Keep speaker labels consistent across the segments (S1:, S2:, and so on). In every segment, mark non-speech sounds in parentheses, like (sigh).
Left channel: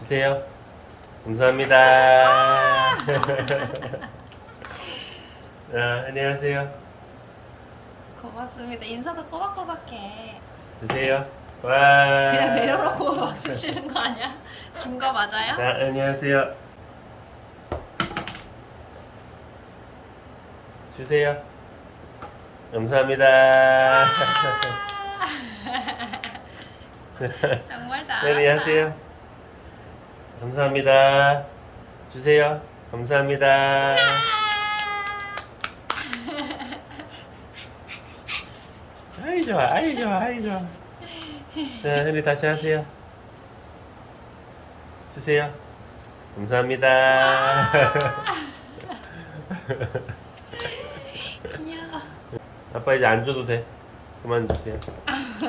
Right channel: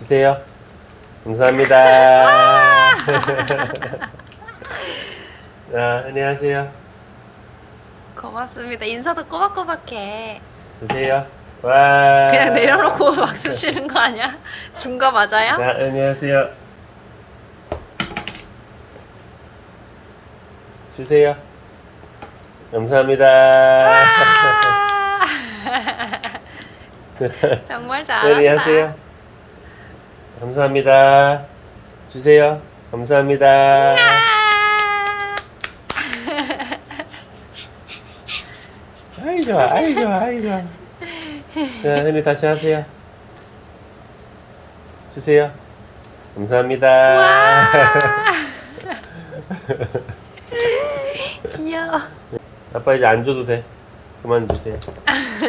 S1: 주세요. 감사합니다. 자, (laughs) 안녕하세요.
S2: 고맙습니다. 인사도 꼬박꼬박해.
S1: 주세요. 와.
S2: 그냥 내려놓고 (laughs) 박수 치는 거 아니야? 준 거 맞아요?
S1: 자, 안녕하세요. 주세요. 감사합니다.
S2: 와. (laughs) 정말 잘한다.
S1: 빨리 하세요. 감사합니다. 주세요. 감사합니다.
S2: 아.
S1: 아이 좋아, 아이 좋아, 아이 좋아. 자, henry 다시 하세요. 주세요. 감사합니다.
S2: 와. (laughs) 귀여워.
S1: 아빠 이제 안 줘도 돼. 그만 주세요.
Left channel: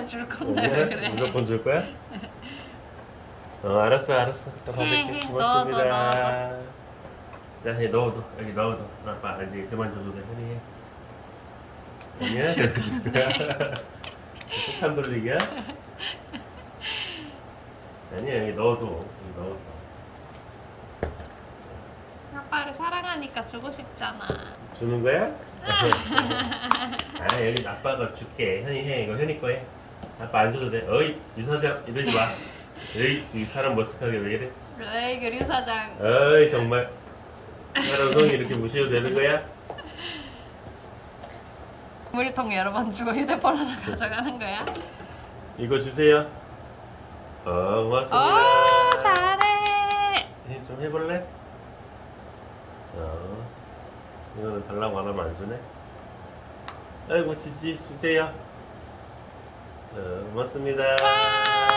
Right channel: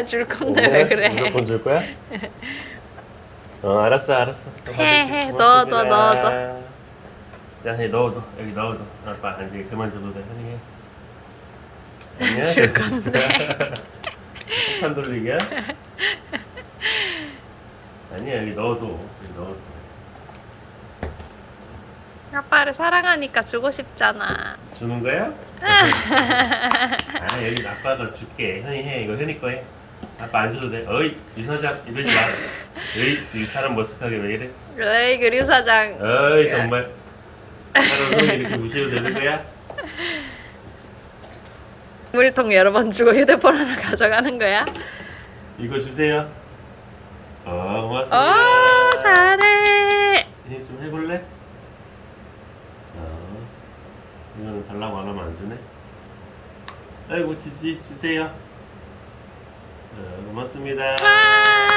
S2: 줄 건데 왜 그래?
S1: 무조건 줄 거야? (laughs) 어, 알았어, 알았어.
S2: 해. 해. 넣어. 넣어, 넣어,
S1: 자, 해, 넣어, 넣어. 여기 넣어, 넣어. 아빠 이제 그만 줘도 돼. 해.
S2: 줄 건데. (laughs)
S1: 폭탄 돌리기야? (laughs) 아니야, 여기 넣어도. 여기 넣어도.
S2: 아빠를 사랑하니까 주고 싶잖아.
S1: 주는 거야? (laughs) 아, 여기 아빠가 줄게. 현이 해. 이거 현이 거 해. 아빠 안 줘도 돼. 어이, 이 사장 이러지 마. 어이, 이 사람 머쓱하게 왜 이래?
S2: 에이 그류 사장.
S1: 어이, 정말. 하루 종일 이렇게 무시해도 되는 거야?
S2: 물통 여러 번 주고 휴대폰 하나 가져가는 거야?
S1: 이거 주세요. 어, 고맙습니다.
S2: 어 잘해.
S1: 예, 좀 해볼래? 어, 이거는 달라고 안 하면 안 주네. 아이고, 지지, 주세요. 어, 고맙습니다.
S2: 와